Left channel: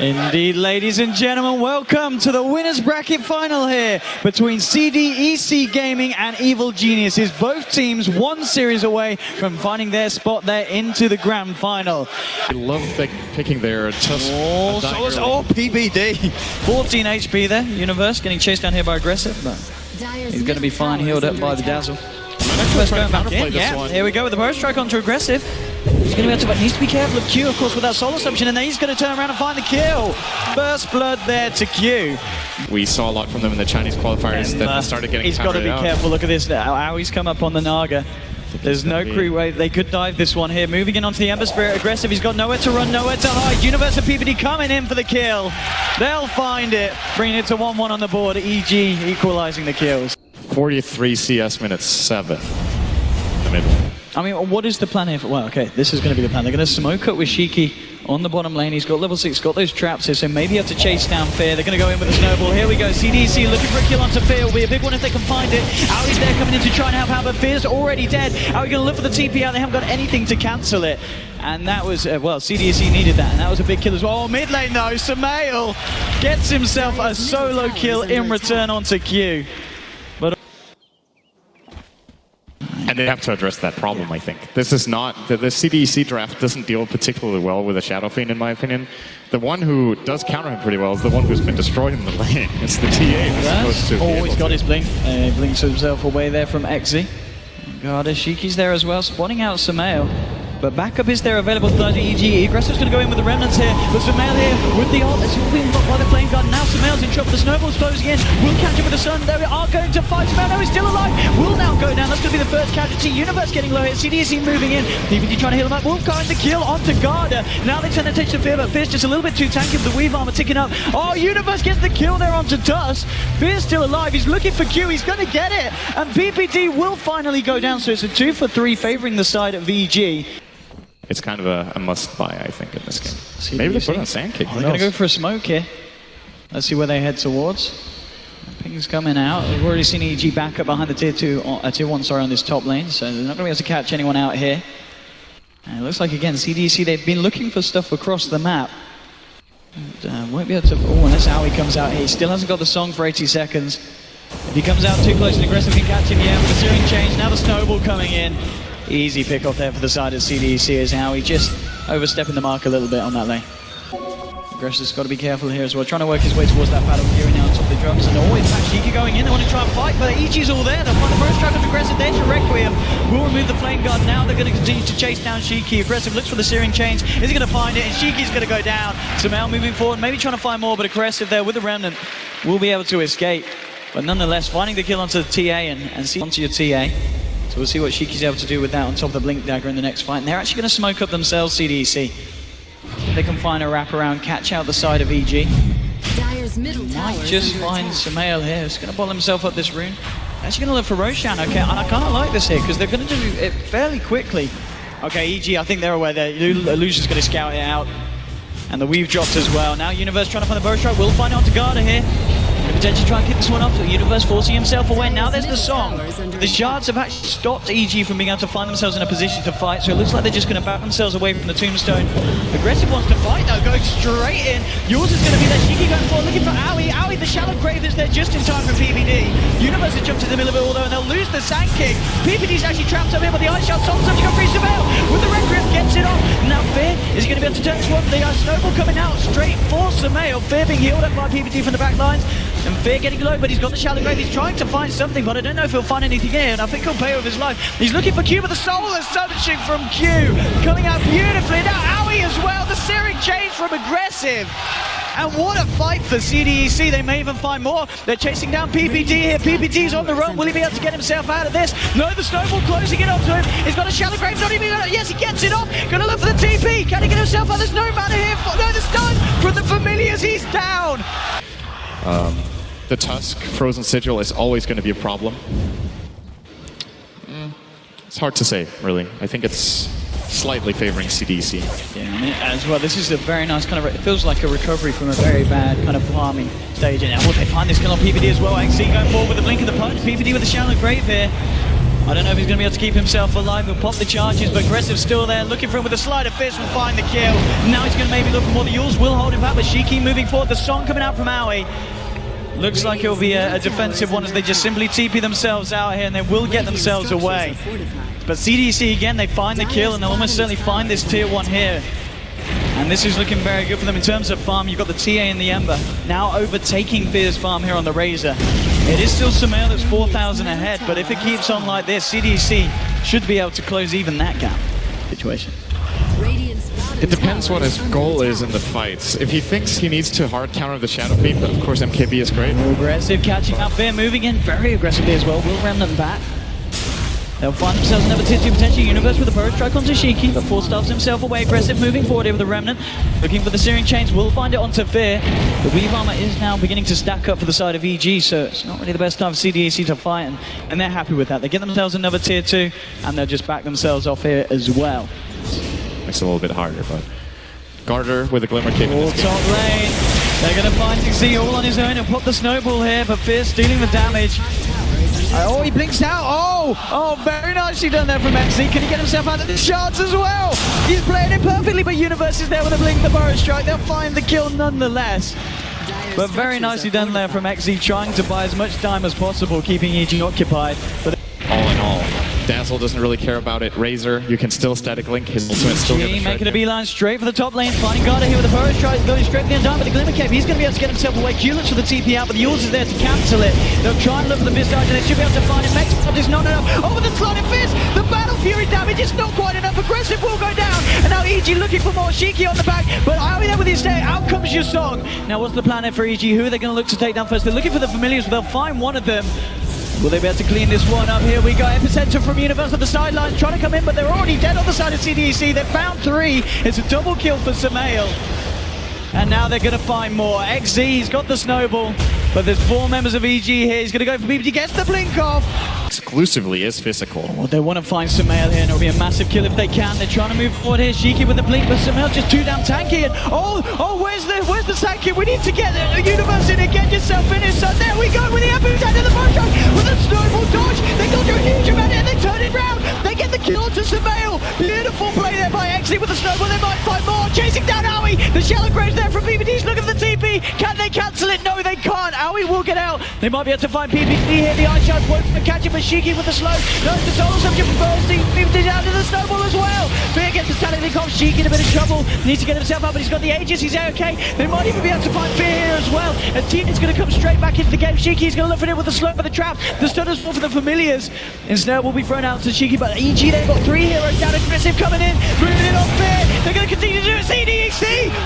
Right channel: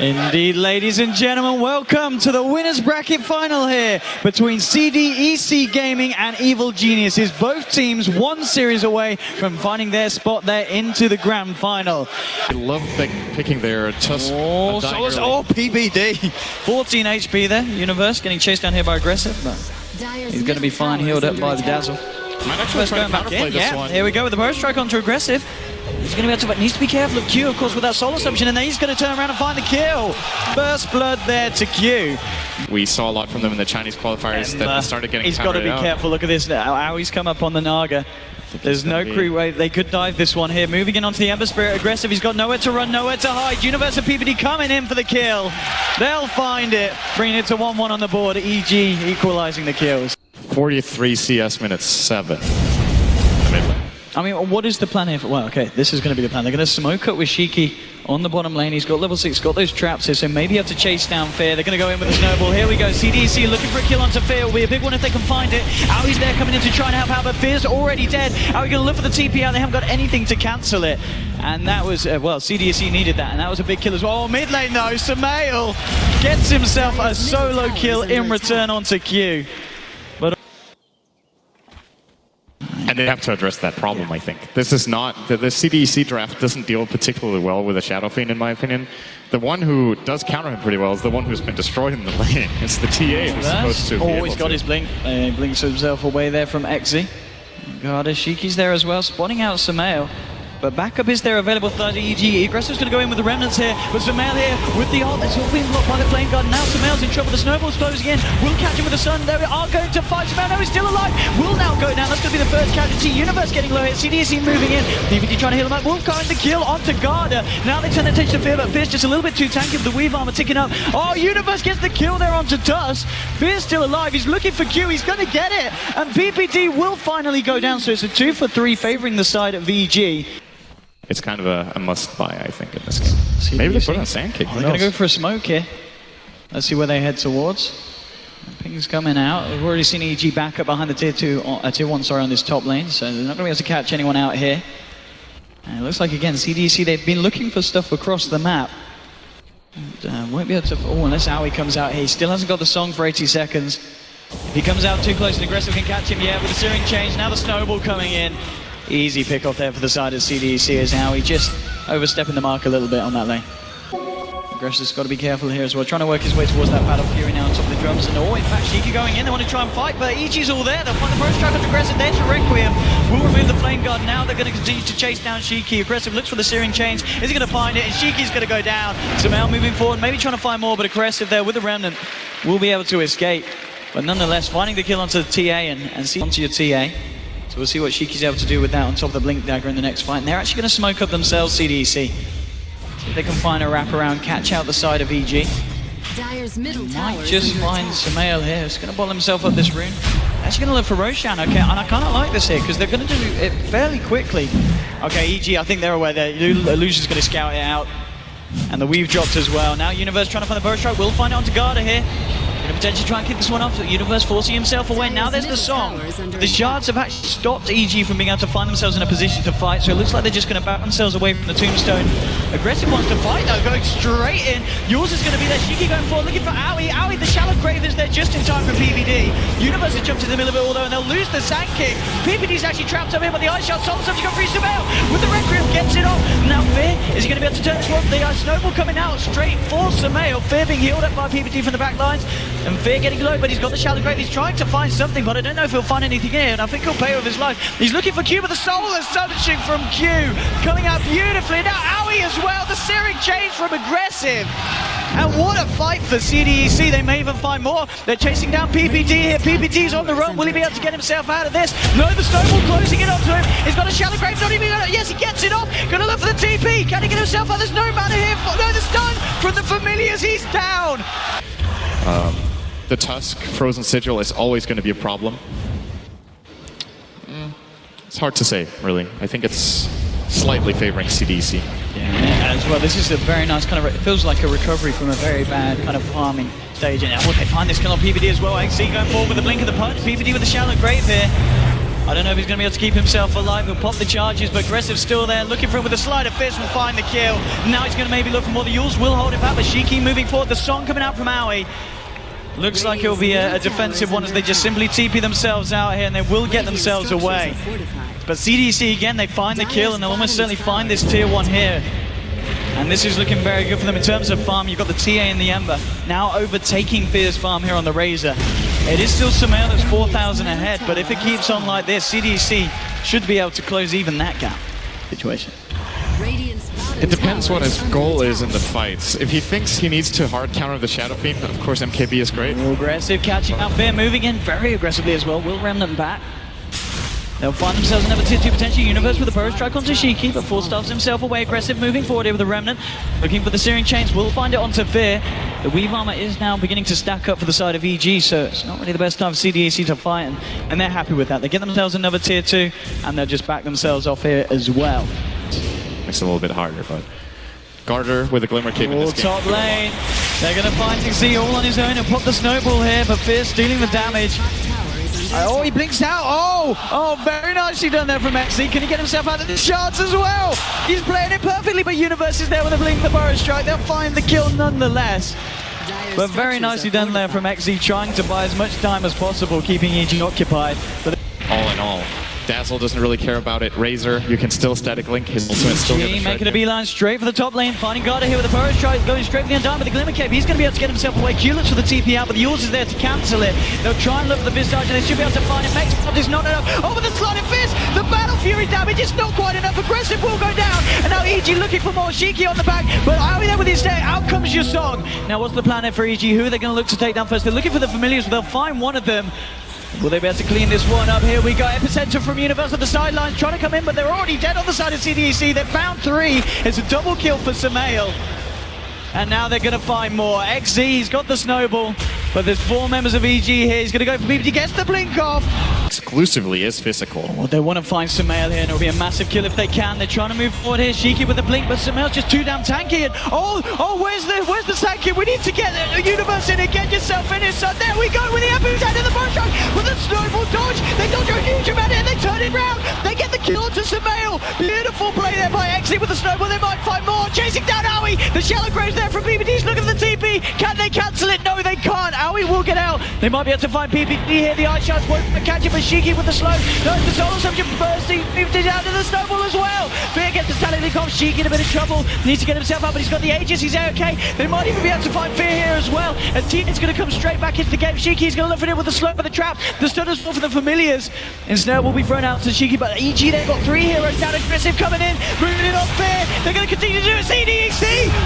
Indeed, ladies and gentlemen, welcome to the winners bracket final here between CDEC Gaming and Evil Geniuses. Both teams one series away from finding their spot there into the grand final. I love picking their tusk. Oh, PBD. 14 HP there. Universe getting chased down here by Aggressive, but he's going to be fine, healed up by the Dazzle. Might actually try to counterplay this one. Here we go with the burst strike onto Aggressive. He's going to be able to, but needs to be careful of Q, of course, with that soul assumption, and then he's going to turn around and find the kill. First blood there to Q. We saw a lot from them in the Chinese qualifiers that started getting He's got to be careful. Look at this now. How he's come up on the Naga. There's no crew way. They could dive this one here. Moving in onto the Ember Spirit. Aggressive. He's got nowhere to run, nowhere to hide. Universe and PPD coming in for the kill. They'll find it. Bringing it to 1-1 on the board. EG equalizing the kills. 43 CS minutes 7 in the mid lane. I mean, what is the plan here? Well, okay, this is going to be the plan. They're going to smoke up with Shiki on the bottom lane. He's got level 6, got those traps here, so maybe you have to chase down Fear. They're going to go in with a snowball. Here we go. CDEC looking for a kill onto Fear. Will be a big one if they can find it. Aui's there coming in to try and help out, but Fear's already dead. Aui going to look for the TP out. They haven't got anything to cancel it. And that was, well, CDEC needed that, and that was a big kill as well. Oh, mid lane though, Samael gets himself a solo kill in return onto Q. And they have to address that problem, I think. This is not, the CDEC draft doesn't deal particularly well with a Shadow Fiend, in my opinion. The one who does counter him pretty well is the one who's been destroyed in the lane. It's the TA who's supposed to be able he's got his blink. He blinks himself away there from Exy. God, Shiki's there as well, spotting out Samael. But backup is there available to EG. Aggressive's going to go in with the remnants here, but Samael here with the ult. It's all being blocked by the Flame Guard. Now Samael's in trouble. The snowball's closing in. Will catch him with the sun. They are going to fight. Samael, no, he's still alive. Will now go down. That's going to be the first casualty. Universe getting low here. CDEC moving in. PPD trying to heal him up. Wildcard the kill onto Garda. Now they turn their attention to Fear, but Fear's just a little bit too tanky with the Weave armor ticking up. Oh, Universe gets the kill there onto Tusk. Fear's still alive. He's looking for Q. He's going to get it. And PPD will finally go down. So it's a 2 for 3 favoring the side of VG. It's kind of a must-buy, I think, in this game. Maybe they put on a Sand King. They're going to go for a smoke here. Let's see where they head towards. Ping's coming out. We've already seen EG back up behind the tier 1, sorry, on this top lane, so they're not going to be able to catch anyone out here. And it looks like, again, CDEC, they've been looking for stuff across the map. And, won't be able to... Oh, unless Aui comes out here. He still hasn't got the song for 80 seconds. If he comes out too close and Aggressive can catch him, yeah, with the searing change. Now the snowball coming in. Easy pick off there for the side of CDEC as Aui just overstepping the mark a little bit on that lane. Aggressive's got to be careful here as well, trying to work his way towards that battle Fury now on top of the drums. And oh, in fact, Shiki going in, they want to try and fight, but EG's all there. They'll find the burst trap of Aggressive there to Requiem. Will remove the Flame Guard. Now they're going to continue to chase down Shiki. Aggressive looks for the searing chains. Is he going to find it? And Shiki's going to go down. Samael moving forward, maybe trying to find more, but Aggressive there with the Remnant will be able to escape. But nonetheless, finding the kill onto the TA and see onto your TA. So we'll see what Shiki's able to do with that on top of the Blink Dagger in the next fight. And they're actually going to smoke up themselves, CDEC. See if they can find a wraparound, catch out the side of EG. Might just find Samael here. He's going to bottle himself up this rune. Actually going to look for Roshan, okay. And I kind of like this here because they're going to do it fairly quickly. Okay, EG, I think they're aware there. Illusion's going to scout it out. And the Weave dropped as well. Now Universe trying to find the burst strike. We'll find it onto Garda here. Going to potentially try and kick this one off. Universe forcing himself away. Now there's the song. The shards have actually stopped EG from being able to find themselves in a position to fight. So it looks like they're just going to back themselves away from the tombstone. Aggressive wants to fight though, going straight in. Yours is going to be there. Shiki going forward, looking for Aui. Aui, the shallow grave is there just in time for PPD. Universe has jumped in the middle of it all though, and they'll lose the Sand King. PPD's actually trapped up here, but the Ice Shard summons up to go free Samael with the Requiem, gets it off. Now Fear, is he going to be able to turn this one? The snowball coming out straight for Samael. Fear being healed up by PPD from the back lines. And Fear getting low, but he's got the shallow grave. He's trying to find something, but I don't know if he'll find anything here, and I think he'll pay with his life. He's looking for Q, but the soul astonishing from Q. Coming out beautifully. Now Aui as well, the searing change from Aggressive. And what a fight for CDEC. They may even find more. They're chasing down PPD here. PPD's on the run. Will he be able to get himself out of this? No, the snowball closing it onto him. He's got a shallow grave. Not even. Yes, he gets it off. Gonna look for the TP. Can he get himself out? There's no mana here. No, the stun from the Familiars. He's down. The Tusk Frozen Sigil is always going to be a problem. It's hard to say, really. I think it's slightly favoring CDEC. Yeah, as well. This is a very nice kind of... It feels like a recovery from a very bad kind of farming stage. And will they find this kill on PPD as well? XC going forward with the blink of the punch. PPD with the shallow grave here. I don't know if he's going to be able to keep himself alive. He'll pop the charges, but Aggressive still there, looking for him with a sleight of fist, will find the kill. Now he's going to maybe look for more. The Yules will hold him back, but Shiki moving forward. The song coming out from Aoi. Looks like it'll be a defensive one as they just simply TP themselves out here and they will get themselves away. But CDEC again, they find the kill and they'll almost certainly find this tier 1 here. And this is looking very good for them in terms of farm. You've got the TA and the Ember now overtaking Fear's farm here on the Razor. It is still Sumail that's 4,000 ahead, but if it keeps on like this, CDEC should be able to close even that gap situation. It depends what his goal is in the fights. If he thinks he needs to hard counter the Shadow Fiend, of course MKB is great. Aggressive catching out Fear, moving in very aggressively as well. Will Remnant back. They'll find themselves another tier 2 potential Universe with a burst strike onto Shiki, but Force stuffs himself away. Aggressive moving forward here with the Remnant. Looking for the Searing Chains, will find it onto Fear. The Weave Armor is now beginning to stack up for the side of EG, so it's not really the best time for CDEC to fight, and they're happy with that. They get themselves another tier 2, and they'll just back themselves off here as well. Makes it a little bit harder, but Garter with a Glimmer Cape in this game. Top lane. They're going to find Z all on his own. He'll pop the snowball here, but Fear stealing the damage. Oh, he blinks out. Oh, very nicely done there from XZ. Can he get himself out of the shards as well? He's playing it perfectly, but Universe is there with a blink, the Burrow Strike. They'll find the kill nonetheless. But very nicely done there from XZ, trying to buy as much time as possible, keeping EG occupied. But all in all, Dazzle doesn't really care about it. Razor, you can still static link. His ultimate still gonna making a beeline straight for the top lane. Finding Garda here with a Burrow Strike, going straight for the Undying with the Glimmer Cape. He's going to be able to get himself away. Q looks for the TP out, but the Yules is there to cancel it. They'll try and look for the Visage, and they should be able to find it. Max is not enough. Over the Sliding Fist! The Battle Fury damage is not quite enough. Aggressive will go down, and now EG looking for more. Shiki on the back, but Aoi there with his stay. Out comes your song. Now, what's the plan here for EG? Who are they going to look to take down first? They're looking for the Familiars, but they'll find one of them. Will they be able to clean this one up? Here we go. Epicenter from Universe on the sidelines trying to come in, but they're already dead on the side of CDEC. They've found 3. It's a double kill for Sumail. And now they're going to find more. XZ, he's got the snowball, but there's 4 members of EG here. He's going to go for BBT. He gets the blink off. Exclusively is physical. Oh, they want to find Sumail here, and it'll be a massive kill if they can. They're trying to move forward here. Shiki with the blink, but Sumail's just too damn tanky. And where's the tanky? We need to get the Universe in and get yourself in here. So there we go with the epicenter, the burst strike with the snowball dodge. They dodge a huge amount and they turn it round. They get the kill to Sumail. Beautiful play there by XZ with the snowball. They might find more. Chasing down Aoi. The Shallow Graves there from BBT's looking for the TP. Can they cancel it? No, they can't. Aoi will get out. They might be able to find PBT here. The Ice Shards won't catch it, but Shiki with the slow. No, the Solar Subject bursting. BBT's out to the snowball as well. Fear gets the Stallion Link off. Shiki in a bit of trouble. Needs to get himself up, but he's got the Aegis. He's okay. They might even be able to find Fear here as well. And Tina's going to come straight back into the game. Shiki's going to look for it with the slow for the trap. The stunners fall for the Familiars. And Snare will be thrown out to Shiki, but EG, they've got 3 heroes down. Aggressive coming in, moving it on Fear. They're going to continue to do it. CDEC,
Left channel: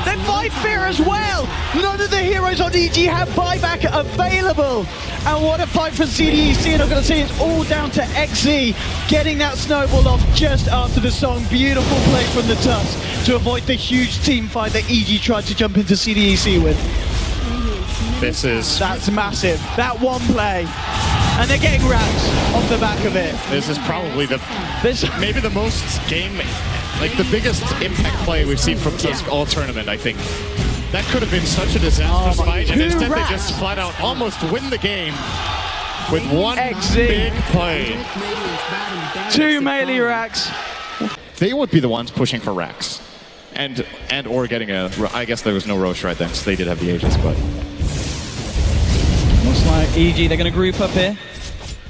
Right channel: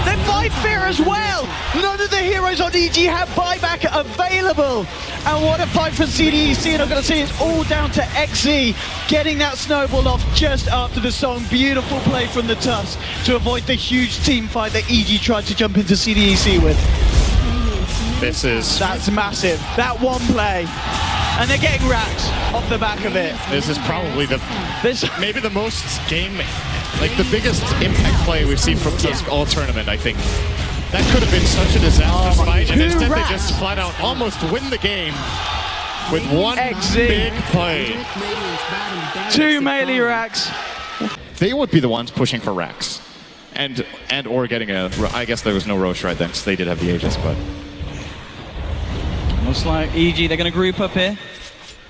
they find Fear as well. None of the heroes on EG have buyback available. And what a fight for CDEC. And I'm going to say it's all down to XZ getting that snowball off just after the song. Beautiful play from the Tusk to avoid the huge team fight that EG tried to jump into CDEC with. That's massive. That one play. And they're getting racks off the back of it. This is probably maybe the most the biggest impact play we've seen from Tusk all tournament, I think. That could have been such a disastrous fight, and instead they just flat out almost win the game with one big play. 2 melee racks. They would be the ones pushing for racks. And or getting I guess there was no Roche right then, because they did have the Aegis, but... Looks like EG, they're going to group up here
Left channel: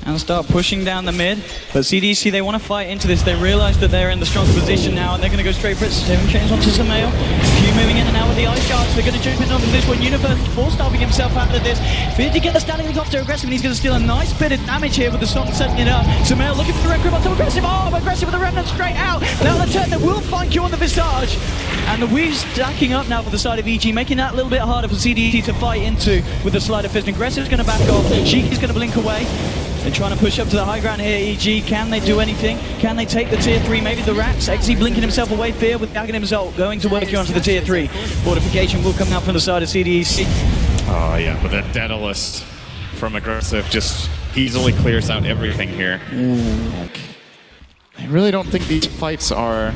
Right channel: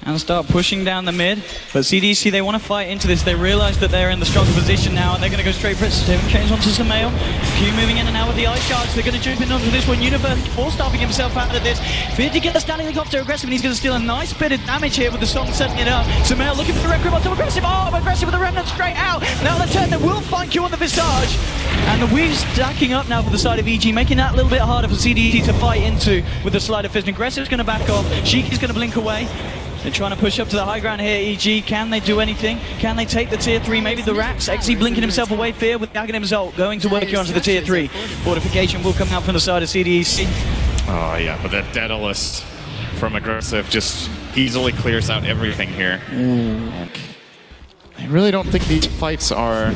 and start pushing down the mid. But CDC, they want to fight into this. They realize that they're in the stronger position now, and they're going to go straight for it. Seven chains onto Sumail. Q moving in and out with the Ice Shards. They're going to jump in onto this one. Universe force-starving himself out of this. Fear to get the standing link off to Aggressive, and he's going to steal a nice bit of damage here with the song setting it up. Sumail looking for the red grip onto Aggressive. Aggressive with the Remnant straight out. Now the turn, they will find Q on the Visage. And the Weave's stacking up now for the side of EG, making that a little bit harder for CDEC to fight into with the Sleight of Fist. Aggressive's going to back off. Shiki's going to blink away. They're trying to push up to the high ground here, EG. Can they do anything? Can they take the tier 3? Maybe the racks. XZ blinking himself away. Fear with Aghanim's ult going to work here onto the tier 3. Fortification will come out from the side of CDEC. Oh, yeah, but that Daedalus from Aggressive just easily clears out everything here. I really don't think these fights are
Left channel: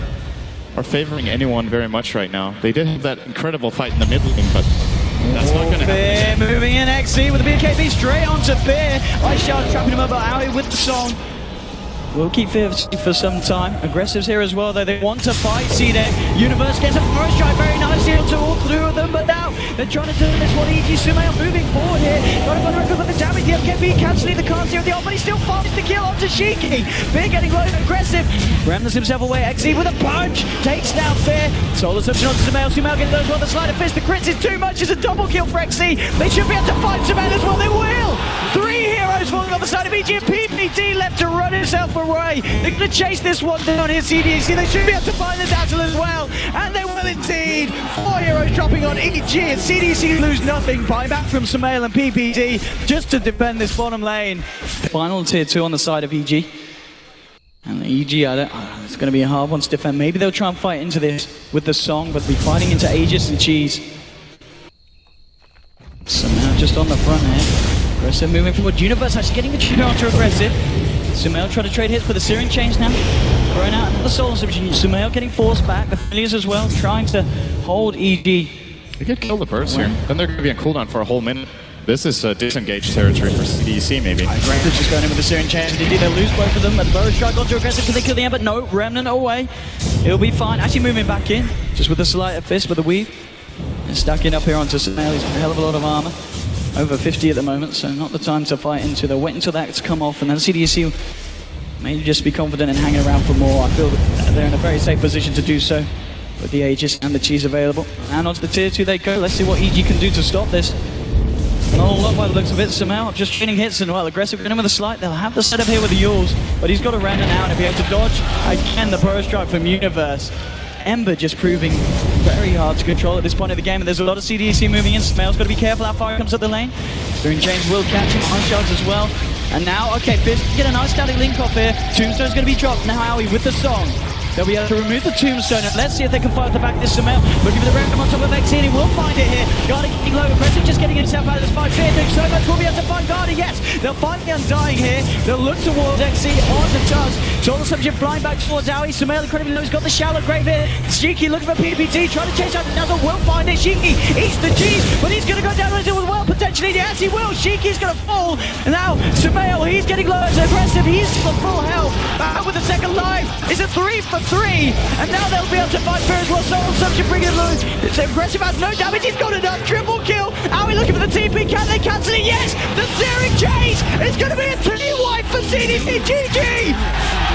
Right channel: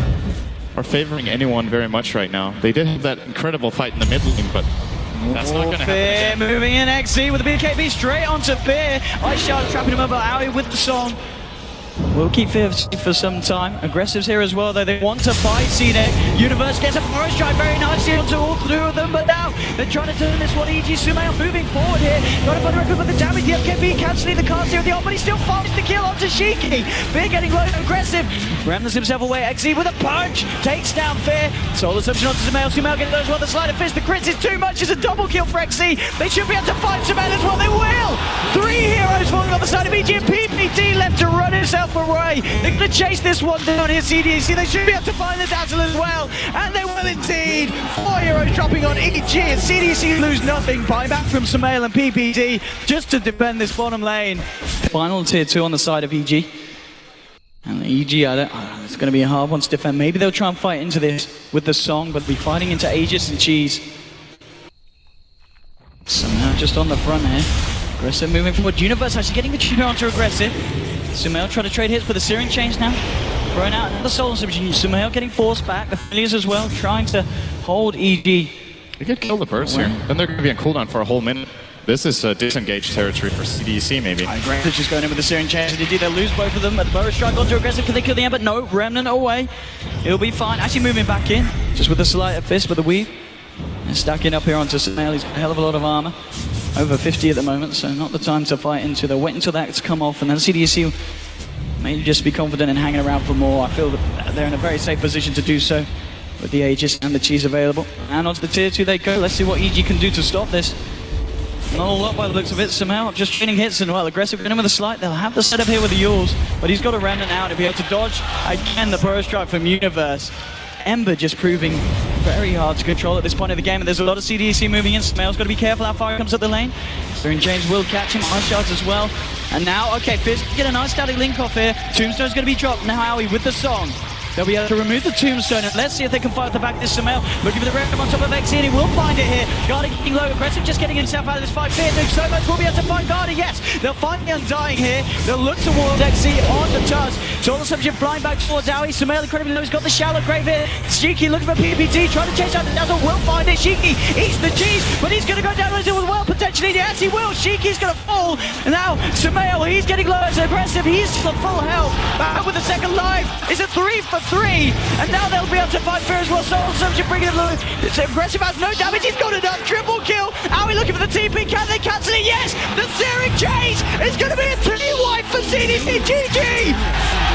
favoring anyone very much right now. They did have that incredible fight in the mid lane, but that's not going to happen. Fear moving in, XZ with the BKB straight onto Fear. Ice Shard trapping him up, but Aoi with the song. will keep fifth for some time. Aggressives here as well, though. They want to fight CDEC. Universe gets a forest strike very nicely onto all three of them, but now they're trying to turn this one. EG Sumail moving forward here. Got a record with the damage. The FKB cancelling the cast here at the off, but he still finds the kill onto Shiki. Fear getting low, aggressive. Remnants himself away. XE with a punch. Takes down Fear. Solar Submission onto Sumail. Sumail getting those well. The sleight of fist. The crits is too much. It's a double kill for XE. They should be able to fight Sumail as well. They will. 3 heroes falling on the side of EG, and PPD left to run himself away. They're going to chase this one down here, CDEC. They should be able to find the Dazzle as well, and they will indeed. 4 heroes dropping on EG, and CDEC lose nothing. Buyback from Sumail and PPD just to defend this bottom lane. Final tier 2 on the side of EG. And EG, it's going to be a hard one to defend. Maybe they'll try and fight into this with the song, but be fighting into Aegis and Cheese. Somehow just on the front here. Aggressive moving forward. Universe actually getting the trigger onto aggressive. Sumail trying to trade hits with the Searing Chains now. Throwing out another Solar Submission. Sumail getting forced back. The Familiars as well, trying to hold EG. They could kill the burst here. Then they're going to be on cooldown for a whole minute. This is disengaged territory for CDEC, maybe. Aggressive just going in with the Searing Chains. They'll lose both of them. But the Burrow strike onto aggressive. Can they kill the Ember? No. Remnant away. It'll be fine. Actually moving back in. Just with the Sleight of Fist with the weave. And stacking up here onto Sumail. He's got a hell of a lot of armor. Over 50 at the moment, so not the time to fight into. They'll wait until that's come off, and then CDEC may just be confident in hanging around for more. I feel that they're in a very safe position to do so with the Aegis and the Cheese available. And onto the tier 2 they go. Let's see what EG can do to stop this. Not a lot by the looks of it. Somehow just training hits and well, aggressive in with a slight. They'll have the setup here with the Yules, but he's got a Remnant now and he'll be able to dodge again the Burrow strike from Universe. Ember just proving very hard to control at this point of the game, and there's a lot of CDEC moving in. Smail's got to be careful how far he comes up the lane. Searing Chains will catch him, Ice Shards as well. And now, okay, Fizz get a nice static link off here. Tombstone's going to be dropped. Now Howie with the song. They'll be able to remove the Tombstone, and let's see if they can fight at the back this Sumail. Looking for the random on top of XE, and he will find it here. Garda getting low, aggressive, just getting himself out of this fight. Fear doing so much, will be able to find Garda, yes. They'll find the Undying here. They'll look towards XE on the touch. Solar Submission flying back towards Howie. Sumail incredibly low, he's got the shallow grave here. Shiki looking for PPD, trying to chase out the Dazzle, will find it. Shiki eats the cheese, but he's going to go down as well, potentially. Yes, he will. Shiki's going to fall. And now Sumail, he's getting low as aggressive. He's still full health. Back with the second life. It's a 3 for 3. And now they'll be able to fight Fear as well. Soul Submission bringing him low. It's aggressive, has no damage. He's got enough. Triple kill. Are we looking for the TP? Can they cancel it? Yes! The Searing Chase is going to be a 2-wipe for CDC. GG!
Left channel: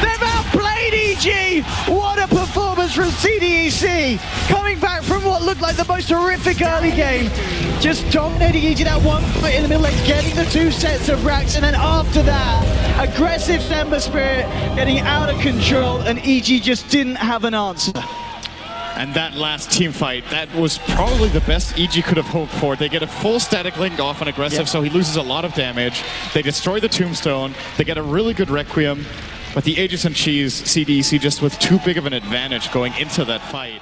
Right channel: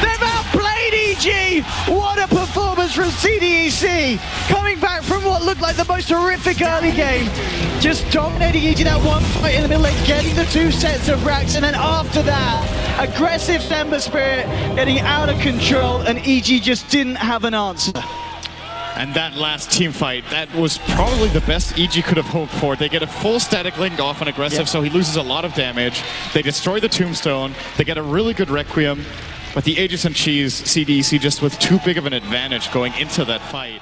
They've outplayed EG. What a performance from CDEC. Coming back from what looked like the most horrific early game. Just dominating EG that one fight in the middle lane, getting the 2 sets of racks, and then after that, aggressive Ember Spirit getting out of control, and EG just didn't have an answer. And that last team fight, that was probably the best EG could have hoped for. They get a full static link off on aggressive, so he loses a lot of damage. They destroy the Tombstone. They get a really good Requiem. But the Aegis and Cheese, CDEC just with too big of an advantage going into that fight.